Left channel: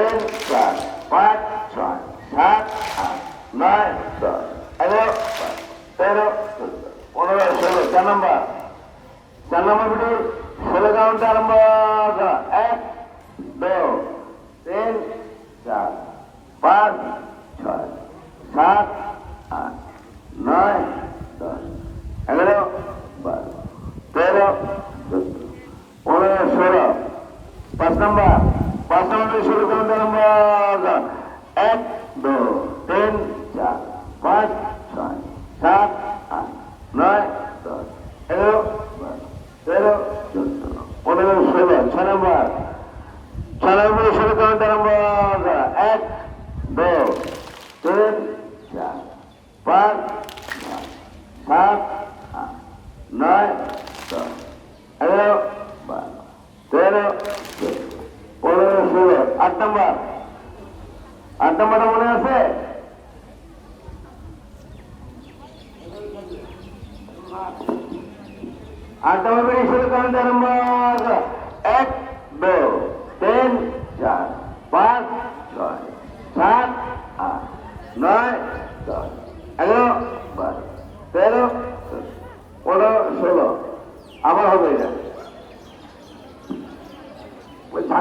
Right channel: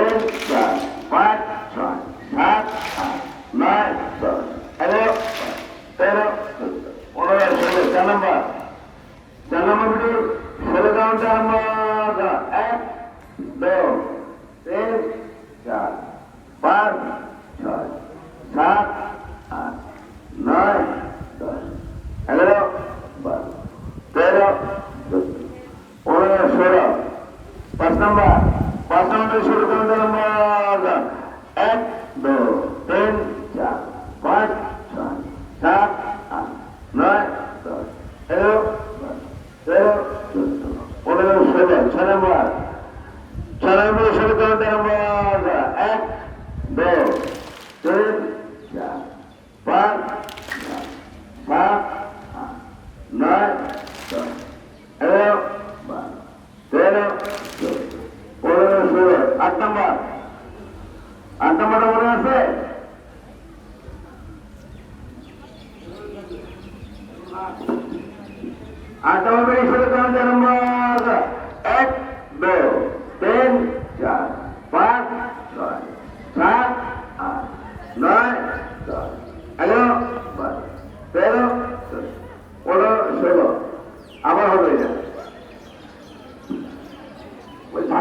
তিন চার পাঁচ ছয় সাত আট নয় দশ 11 13 14 15 16 4 নম্বর 16 কাউন্ট আরম্ভ। 1 2 3 4 5 6 7 8 9 10 11 12 13 14 15 16 5 নম্বর 16 কাউন্ট আরম্ভ। 1 2 3 4 5 6 7 8 9 10 11 12 13 14 15 16 6 নম্বর 16 কাউন্ট আরম্ভ। 1 2 3 4 5 6 7 8 9 10 11 12 13 14 16 8 নম্বর 8 নম্বরটা মনে আছে? 8 নম্বর 16 কাউন্ট আরম্ভ।